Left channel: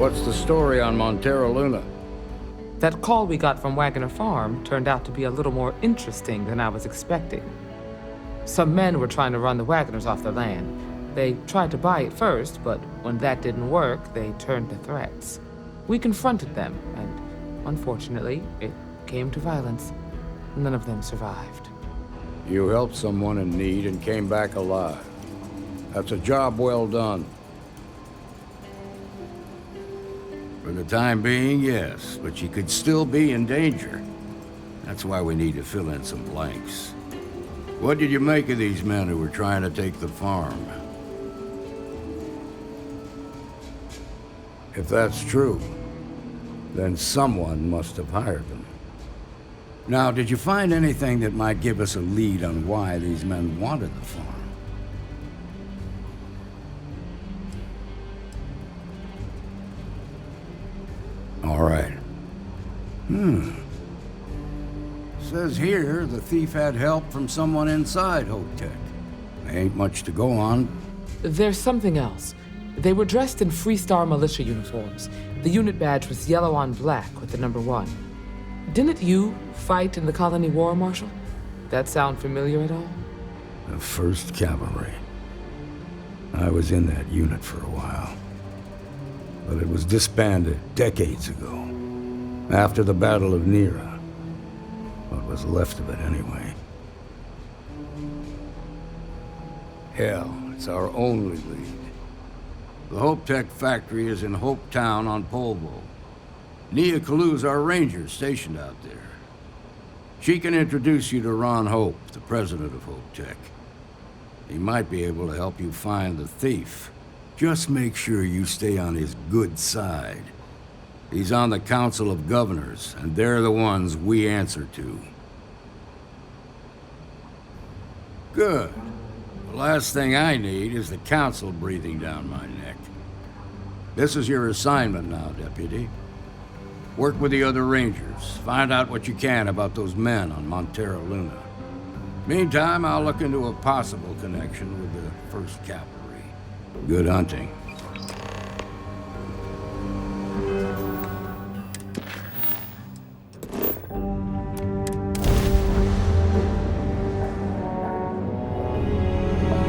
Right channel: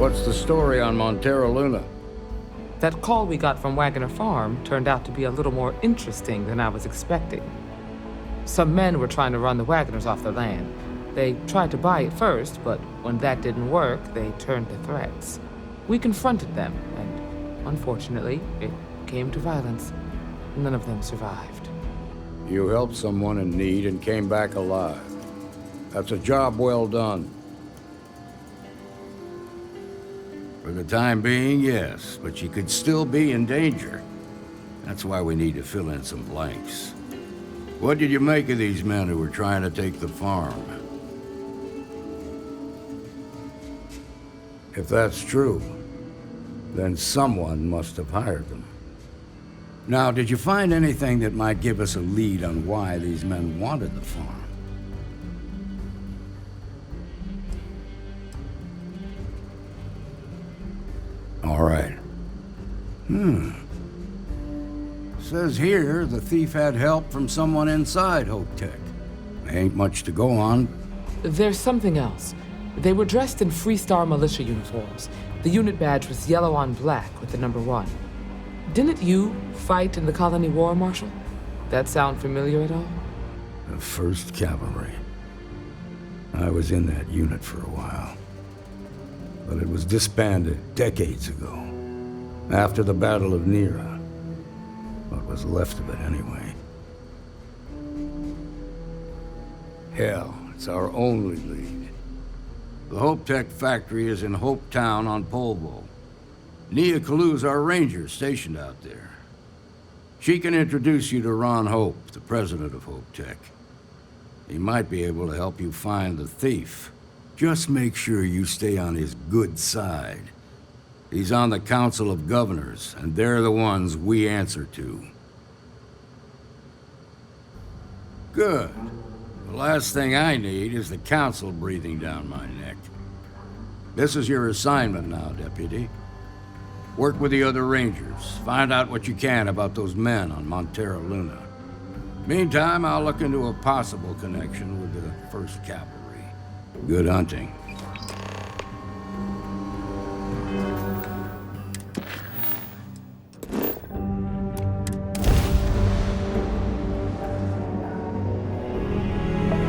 What's the story on Montero Luna? That call we got from Wagoner Farm turned out to be a little more interesting than I was expecting. Some men were trying to run the Wagoners off their land. They tried to buy it first, but when that didn't work, they turned to threats. We confronted them, and unfortunately, it came to violence. None of them survived. You helped someone in need and came back alive. That's a job well done. For the time being, yes, but you could still be in danger. That's why we need to fill in some blanks. What did you make of these men who were trying to take the farm? If that's true, then someone must have hired them. Now, did you find anything that might give us a lead on why these men wanted the farm? All right. Says here the thief had help from someone inside Hope Tech. Ain't much to go on. There's something else. They were dressed in Freestar militia uniforms. The unit badge was yellow on black with the number 1. Didn't you fight in the Colony War, Marshal? That sound familiar at all? The 1st Cavalry. I was in that unit for a while. But it was disbanded decades ago. After the Battle of Nera. What was left of it, anyway. Hell, it's our only lead. The Hope Tech factory is in Hope Town on Polvo. Nia Kalu's our ranger stationed out there. She can introduce you to Ron Hope, the president of Hope Tech. He might be able to help you find the thief. Just make sure you stay on his good side. He's on the Council of Governors, and they're the ones we answer to. Good. The last thing I need is the Council breathing down my neck. This is your assignment now, Deputy. Work with the other Rangers. Find out what you can about those men on Montero Luna. Meantime, I'll look into a possible connection with the 1st Cavalry. Good hunting.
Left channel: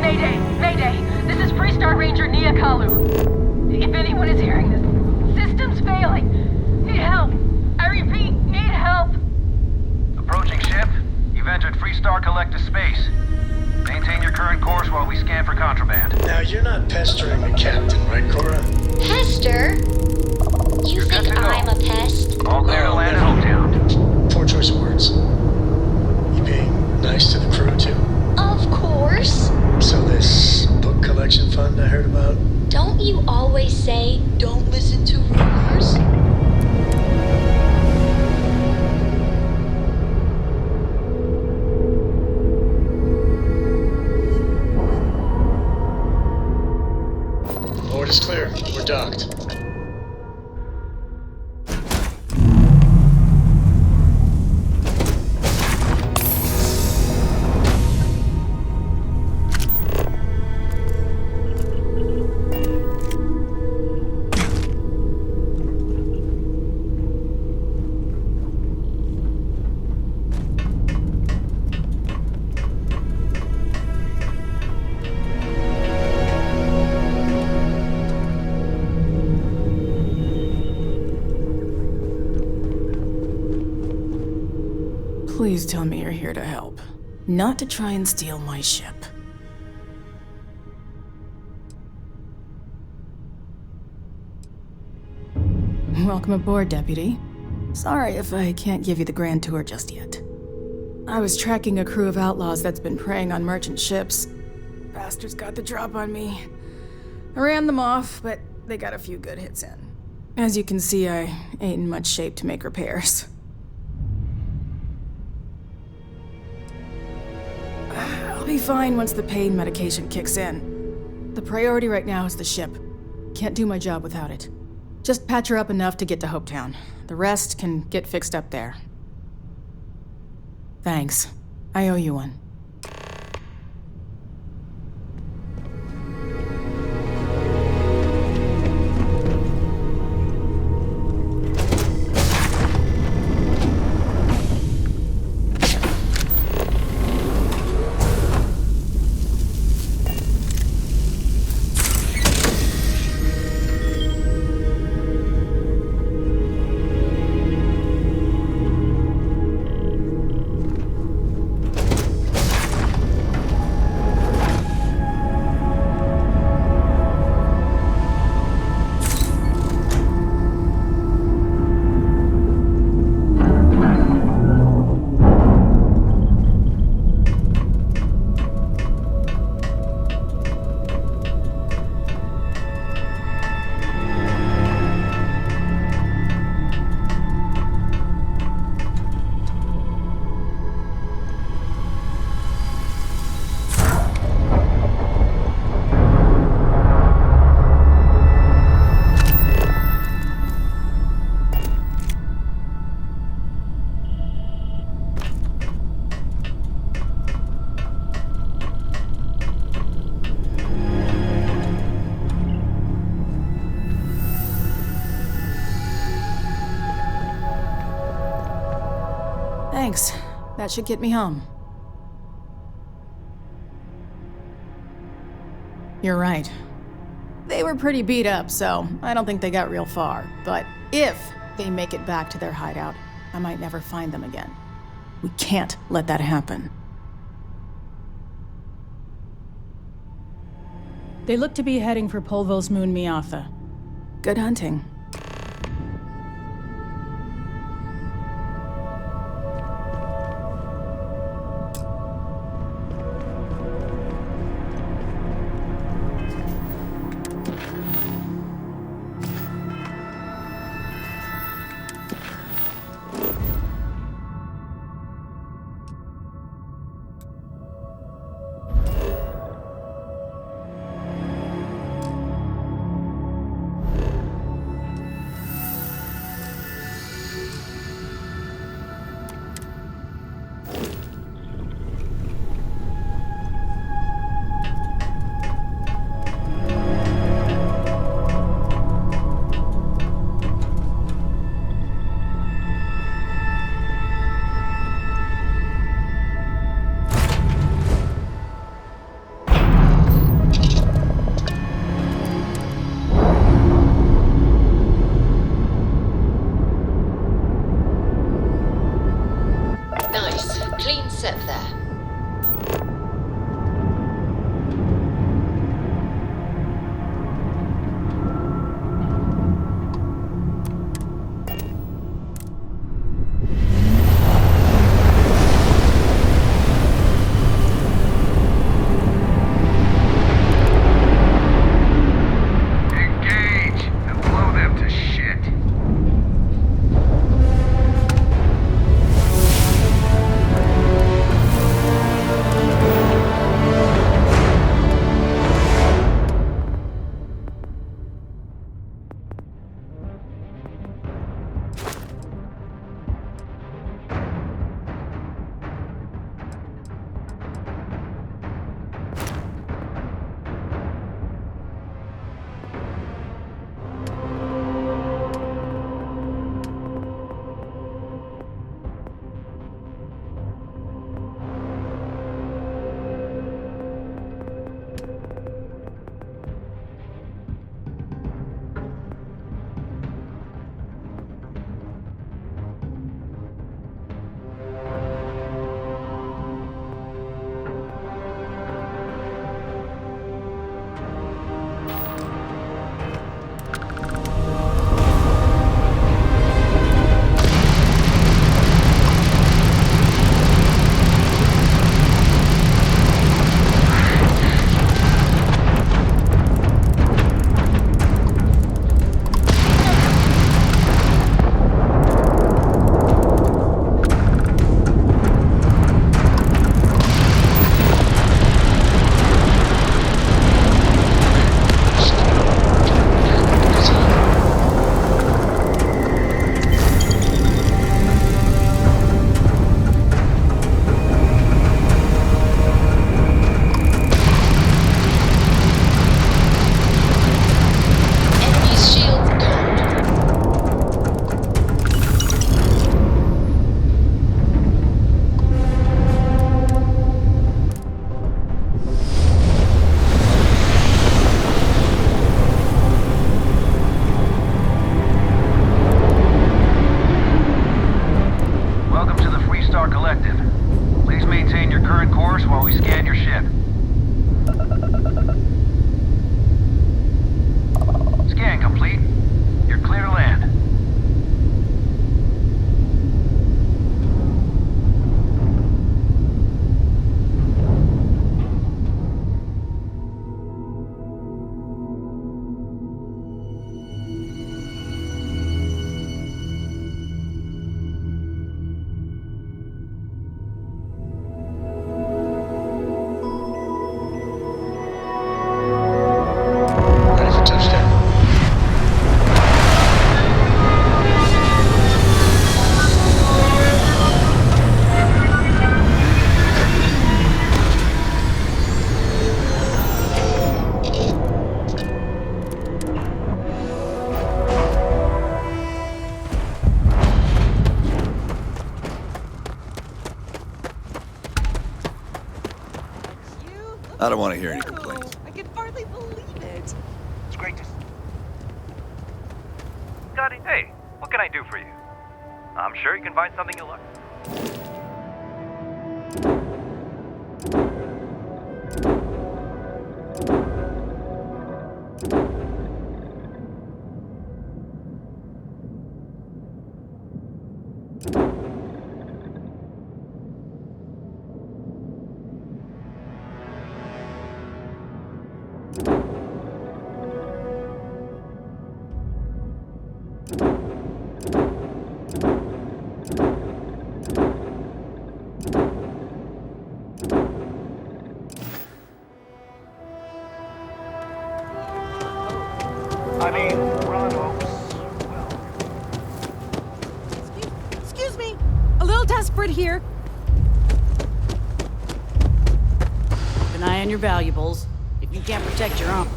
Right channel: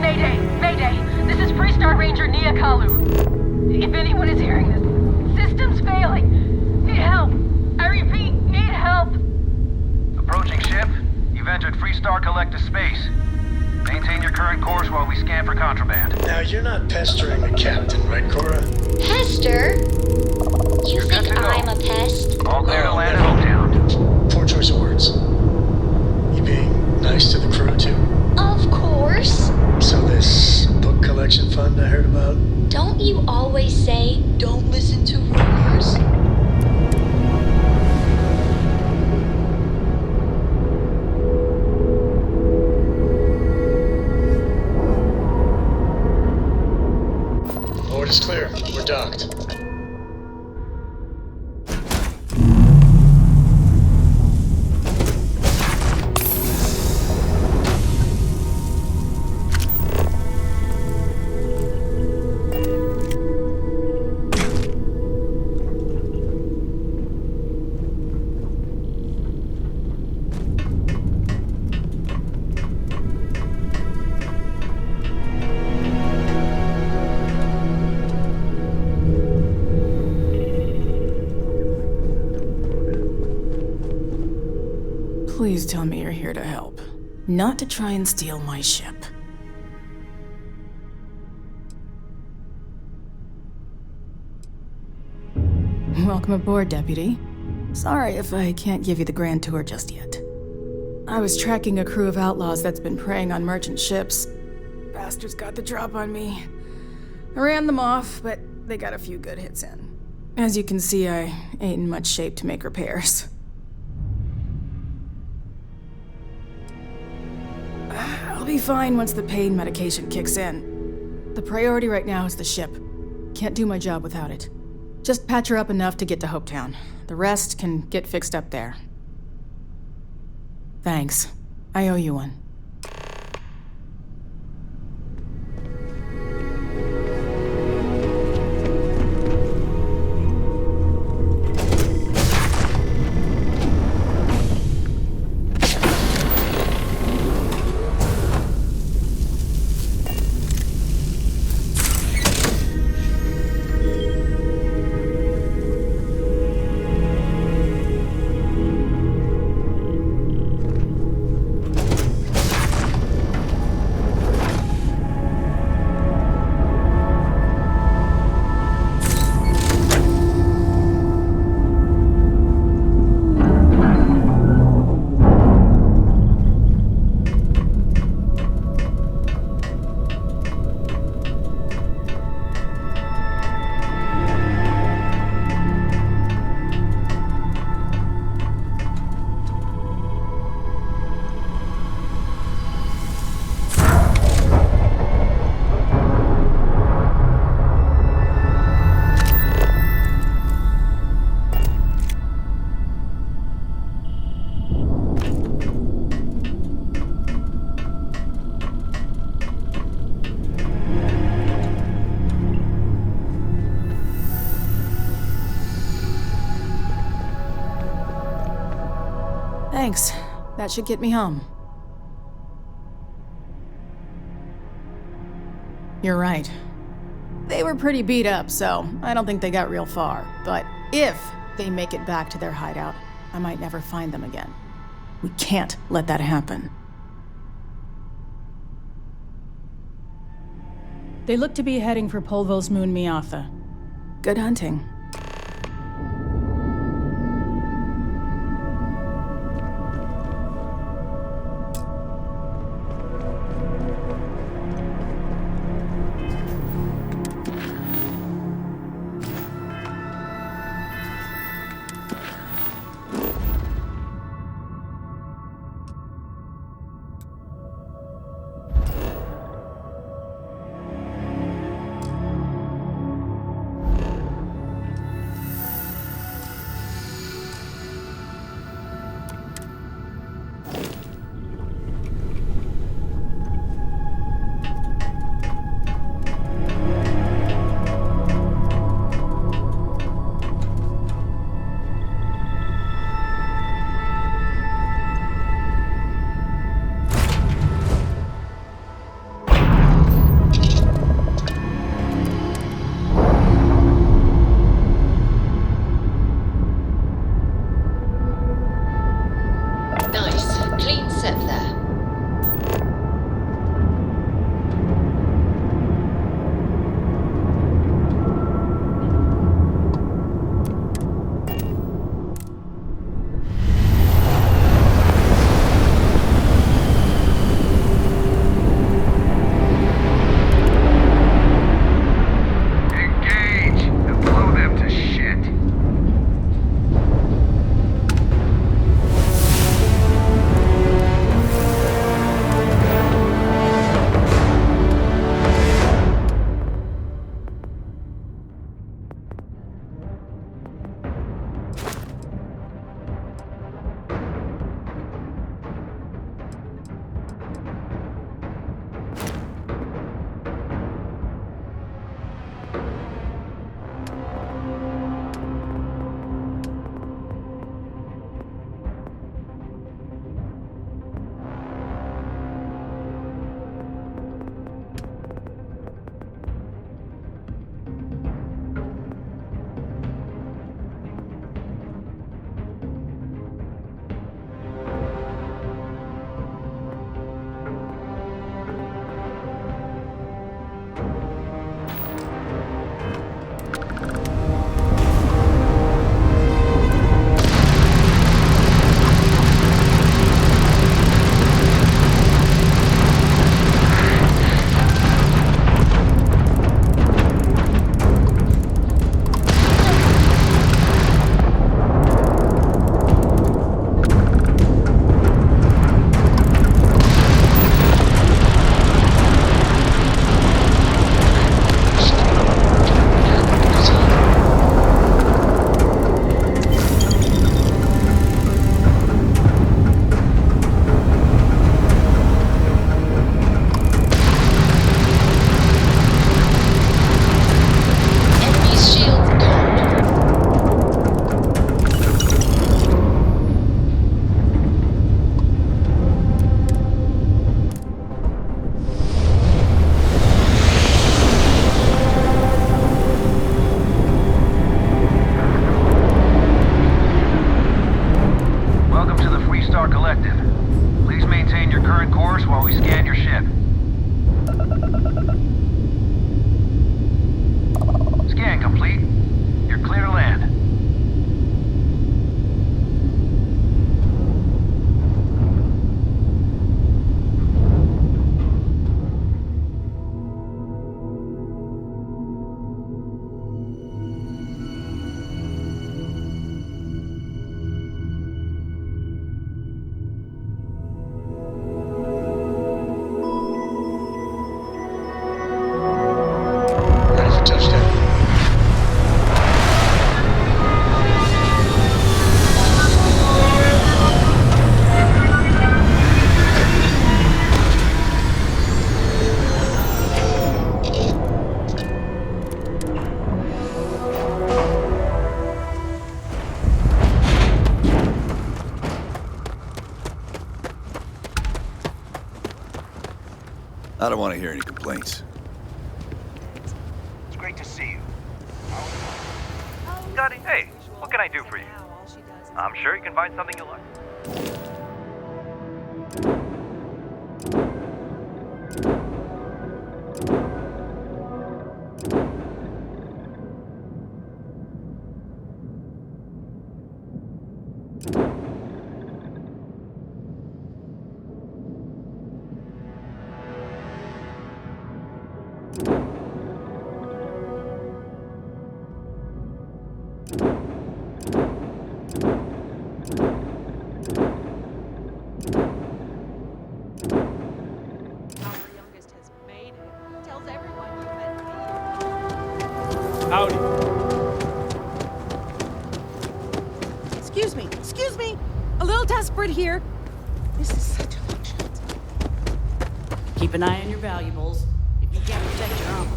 Mayday! Mayday! This is Freestar Ranger Nia Kalu. If anyone is hearing this, system's failing. Need help. I repeat, need help. Approaching ship. You've entered Freestar Collective space. Maintain your current course while we scan for contraband. Now, you're not pestering the captain, right, Cora? Pester? You think I'm a pest? All clear to land in Hopetown. Poor choice of words. You being nice to the crew, too? Of course. So this book collection fund I heard about? Don't you always say, don't listen to rumors? Board is clear. We're docked. Please tell me you're here to help, not to try and steal my ship. Welcome aboard, Deputy. Sorry if I can't give you the grand tour just yet. I was tracking a crew of outlaws that's been preying on merchant ships. Bastards got the drop on me. I ran them off, but they got a few good hits in. As you can see, I ain't in much shape to make repairs. I'll be fine once the pain medication kicks in. The priority right now is the ship. Can't do my job without it. Just patch her up enough to get to Hopetown. The rest can get fixed up there. Thanks. I owe you one. Thanks. That should get me home. You're right. They were pretty beat up, so I don't think they got real far. But if they make it back to their hideout, I might never find them again. We can't let that happen. They look to be heading for Polvo's moon Miatha. Good hunting. Nice. Clean set there. Engage and blow them to shit. Enemy's shields gone. Welcome to the Freestar Collective. Please maintain your current course while we scan your ship. Scan complete. You're clear to land. I don't want to hear any complaints. I can hardly believe it. It's great to see you. Scotty, hey, what can I do for you? I'm sure you can find something you like. Excuse me. A little desperate here. This is such a... Keep an eye on your valuables. If you can't protect your own.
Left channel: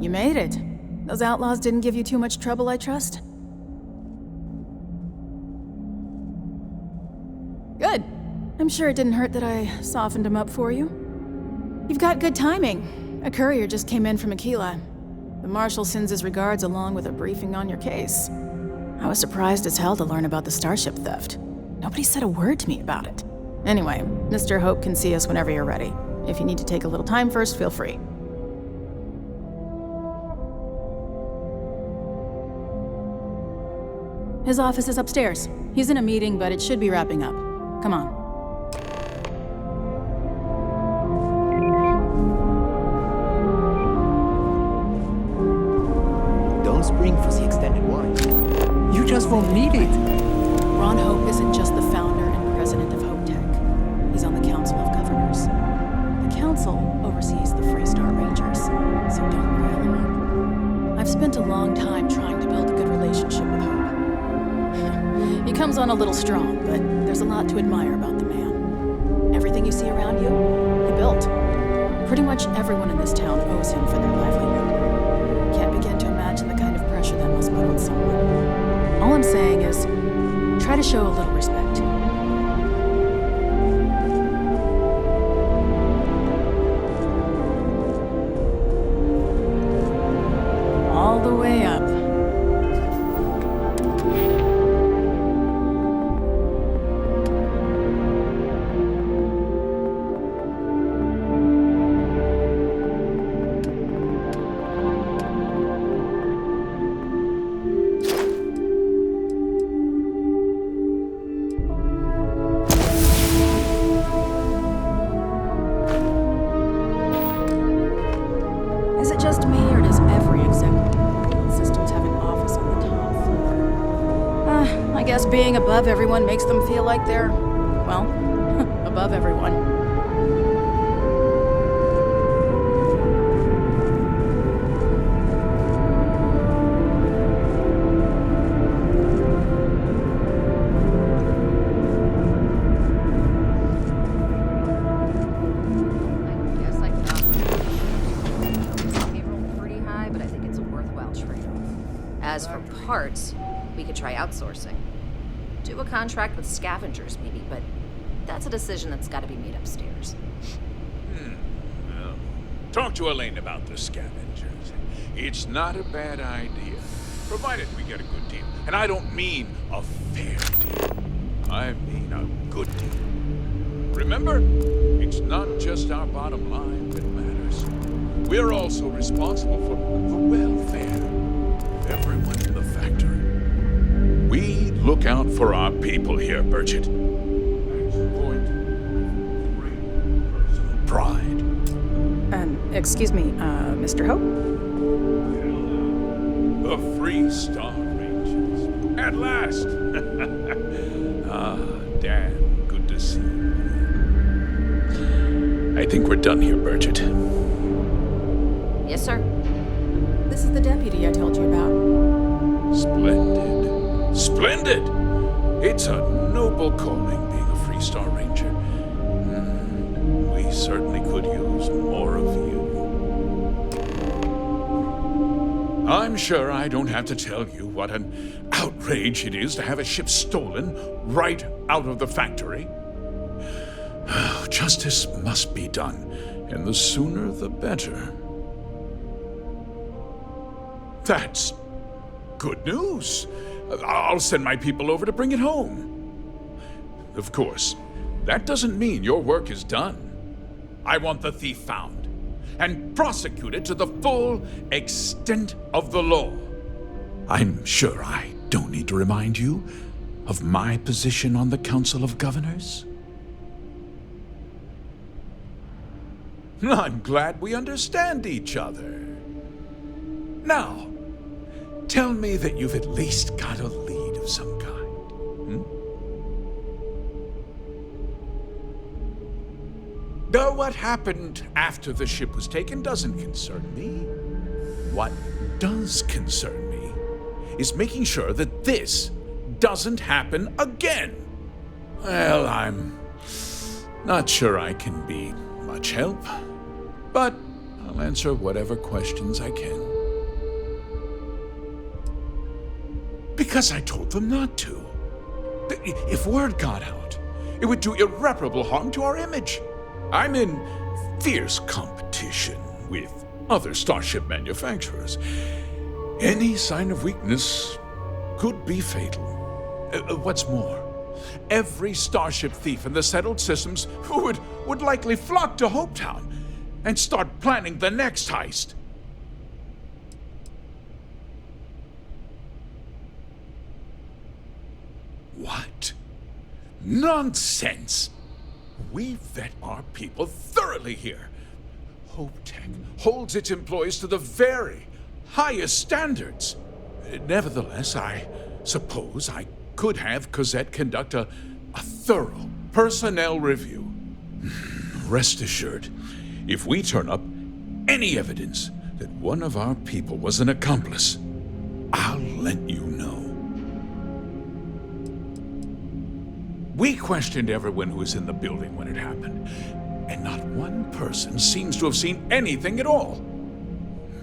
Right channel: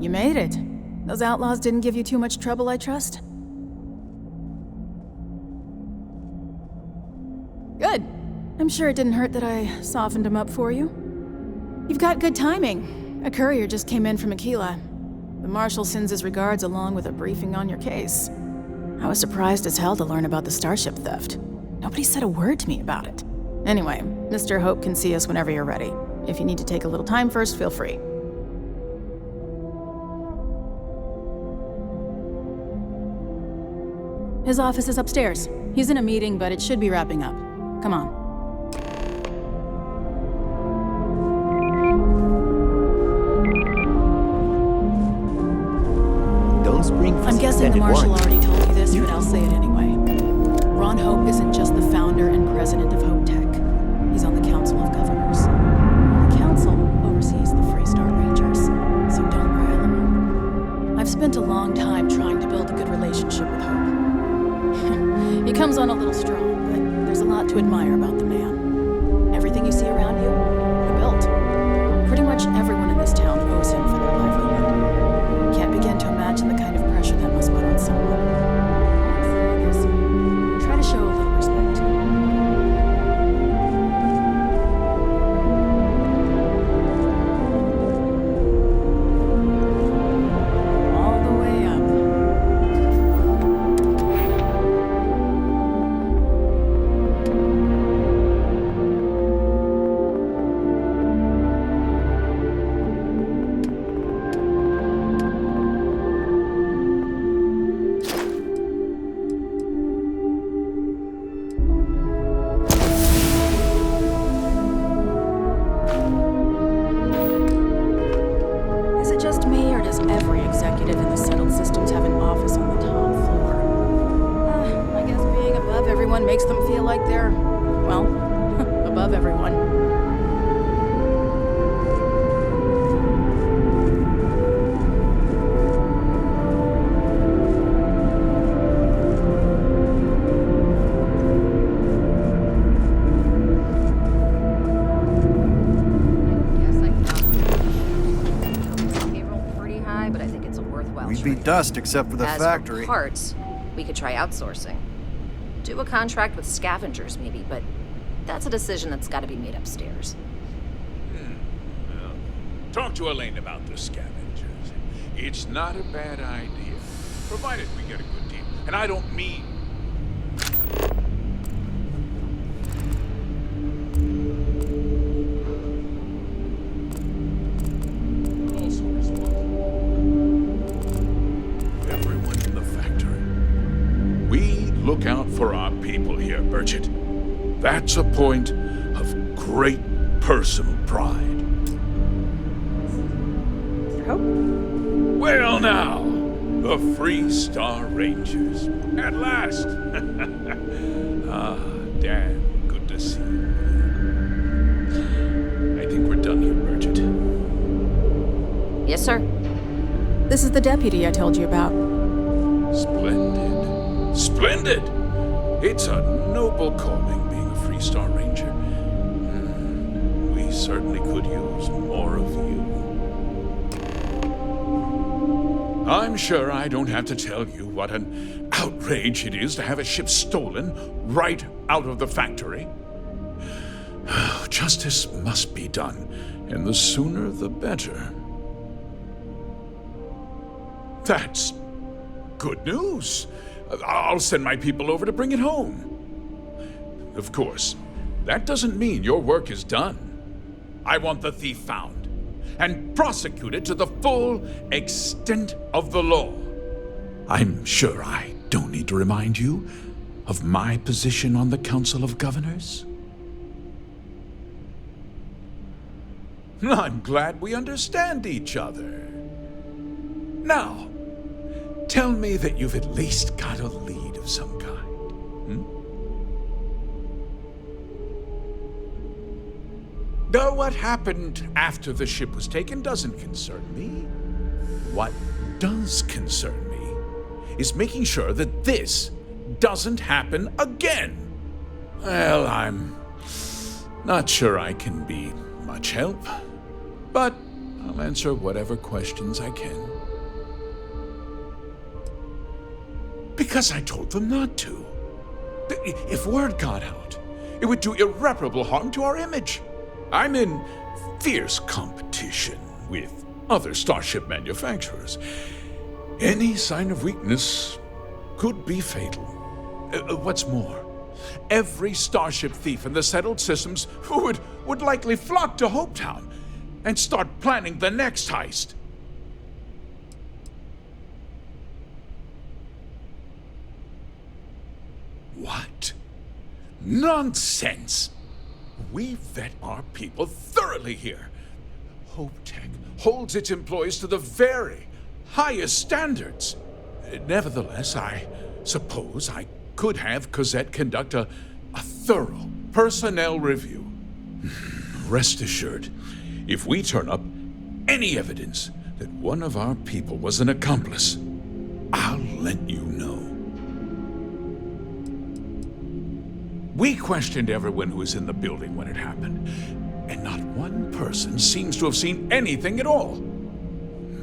You made it. Those outlaws didn't give you too much trouble, I trust? Good. I'm sure it didn't hurt that I softened him up for you. You've got good timing. A courier just came in from Aquila. The Marshal sends his regards along with a briefing on your case. I was surprised as hell to learn about the starship theft. Nobody said a word to me about it. Anyway, Mr. Hope can see us whenever you're ready. If you need to take a little time first, feel free. His office is upstairs. He's in a meeting, but it should be wrapping up. Come on. Don't spring for I'm the guessing the extended Marshal warranty. already told you this. You but just I'll say won't need anyway. Ron Hope isn't just the founder and president of Hope Tech. He's on the Council of Governors. The Council oversees the Freestar Rangers, so don't rile him up. I've spent a long time trying to build a good relationship with Hope. He comes on a little strong, but there's a lot to admire about the man. Everything you see around you, he built. Pretty much everyone in this town owes him for their livelihood. Can't begin to imagine the kind of pressure that must put on someone. All I'm saying is, try to show a little respect. All the way up. Is it just me, or does every executive in the settled systems have an office on the top floor? I guess being above everyone makes them feel like they're, well, above everyone. Dust except for the As factory. for parts, we could try outsourcing. Do a contract with scavengers, maybe, but that's a decision that's got to be made upstairs. Well, talk to Elaine about the scavengers. It's not a bad idea, provided we get a good deal. And I don't mean a fair deal. I mean a good deal. Remember, it's not just our bottom line that matters. We're also responsible for welfare. Everyone in the factory. We look out for our people here, Burchett. That's a point of great personal pride. Excuse me, Mr. Hope? Well now, the Freestar Rangers. At last! Ah, damn, good to see you. I think we're done here, Burchett. Yes, sir. This is the deputy I told you about. Splendid. Splendid! It's a noble calling being a Freestar Ranger. We certainly could use more of you. I'm sure I don't have to tell you what an outrage it is to have a ship stolen right out of the factory. Justice must be done, and the sooner the better. That's good news. I'll send my people over to bring it home. Of course, that doesn't mean your work is done. I want the thief found and prosecuted to the full extent of the law. I'm sure I don't need to remind you of my position on the Council of Governors. I'm glad we understand each other. Now, tell me that you've at least got a lead of some kind. Though what happened after the ship was taken doesn't concern me. What does concern me is making sure that this doesn't happen again. Well, I'm not sure I can be much help, but I'll answer whatever questions I can. Because I told them not to. If word got out, it would do irreparable harm to our image. I'm in fierce competition with other starship manufacturers. Any sign of weakness could be fatal. What's more, every starship thief in the settled systems would likely flock to Hopetown and start planning the next heist. What? Nonsense! We vet our people thoroughly here. HopeTech holds its employees to the very highest standards. Nevertheless, I suppose I could have Cosette conduct a thorough personnel review. Rest assured, if we turn up any evidence that one of our people was an accomplice, I'll let you know. We questioned everyone who was in the building when it happened, and not one person seems to have seen anything at all.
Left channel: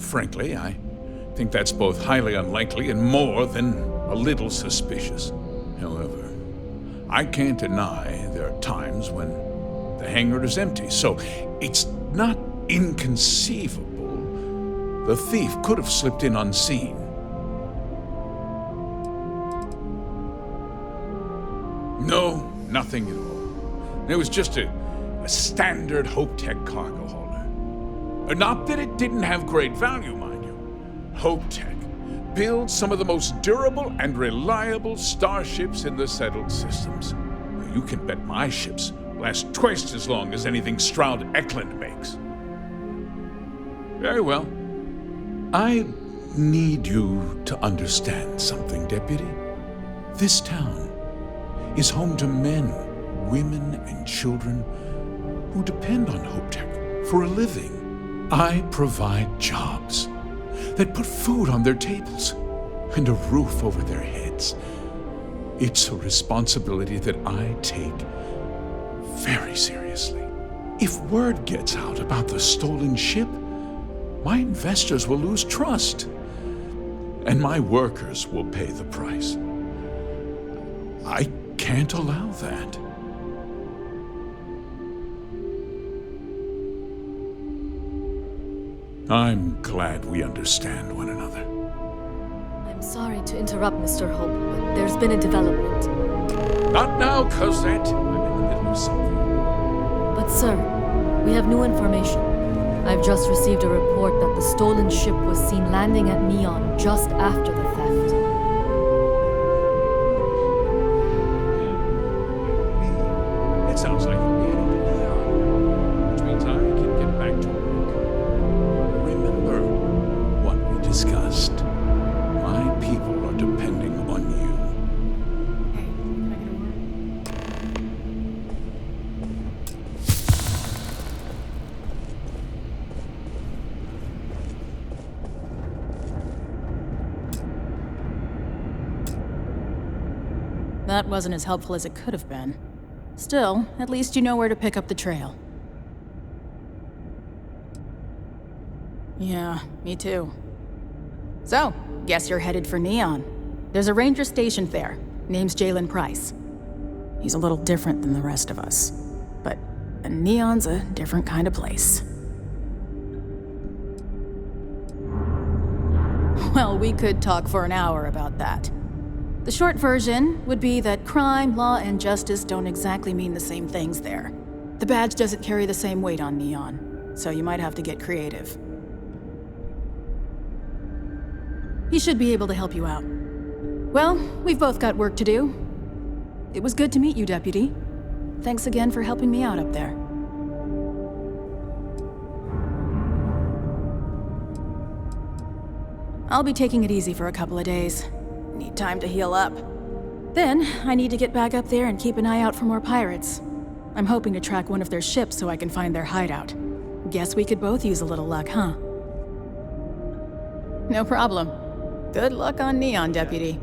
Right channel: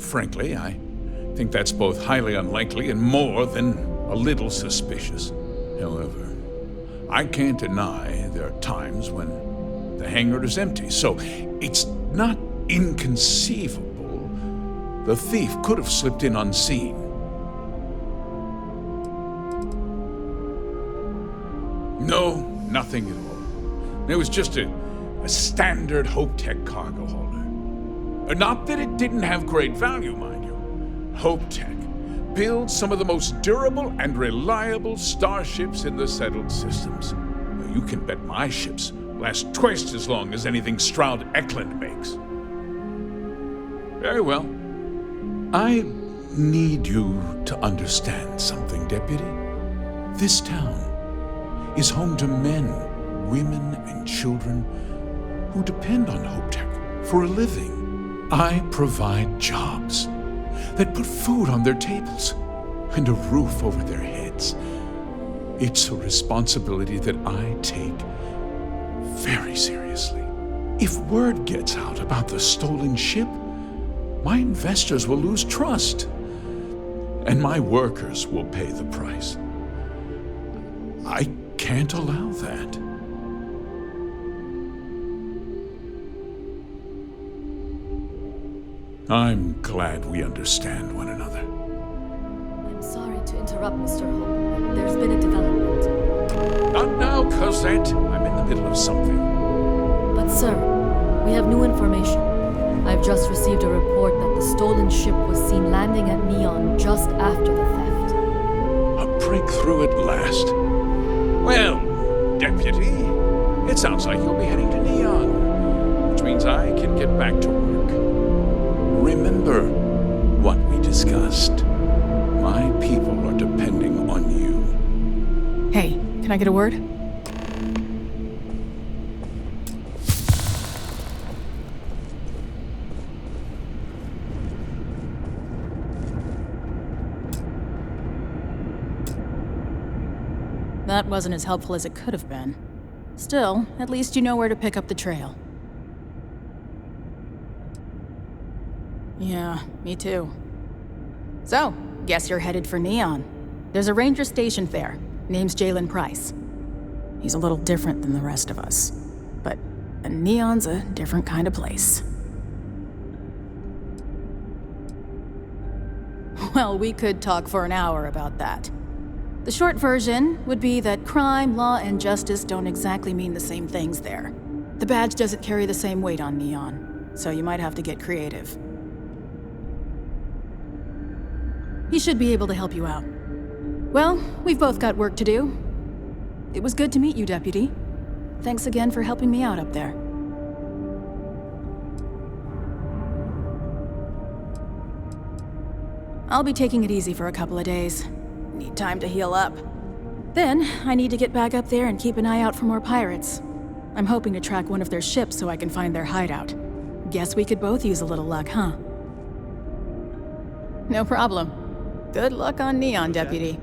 Frankly, I think that's both highly unlikely and more than a little suspicious. However, I can't deny there are times when the hangar is empty, so it's not inconceivable the thief could have slipped in unseen. No, nothing at all. It was just a standard HopeTech cargo holder. Not that it didn't have great value, mind you. HopeTech builds some of the most durable and reliable starships in the settled systems. You can bet my ships last twice as long as anything Stroud Eklund makes. Very well. I need you to understand something, Deputy. This town is home to men, women, and children who depend on HopeTech for a living. I provide jobs that put food on their tables and a roof over their heads. It's a responsibility that I take very seriously. If word gets out about the stolen ship, my investors will lose trust, and my workers will pay the price. I can't allow that. I'm glad we understand one another. I'm sorry to interrupt, Mr. Hope, but there's been a development. Not now, Cosette. I'm in the middle of something. But sir, we have new information. I've just received a report that the stolen ship was seen landing at Neon just after the theft. A breakthrough at last. Well, Deputy, it sounds like you'll be heading to Neon, which means I can get back to work. Remember what we discussed. My people are depending on you. Hey, can I get a word? That wasn't as helpful as it could have been. Still, at least you know where to pick up the trail. Yeah, me too. So, guess you're headed for Neon. There's a ranger stationed there. Name's Jalen Price. He's a little different than the rest of us. But Neon's a different kind of place. Well, we could talk for an hour about that. The short version would be that crime, law, and justice don't exactly mean the same things there. The badge doesn't carry the same weight on Neon, so you might have to get creative. He should be able to help you out. Well, we've both got work to do. It was good to meet you, Deputy. Thanks again for helping me out up there. I'll be taking it easy for a couple of days. Need time to heal up. Then, I need to get back up there and keep an eye out for more pirates. I'm hoping to track one of their ships so I can find their hideout. Guess we could both use a little luck, huh? No problem. Good luck on Neon, Deputy.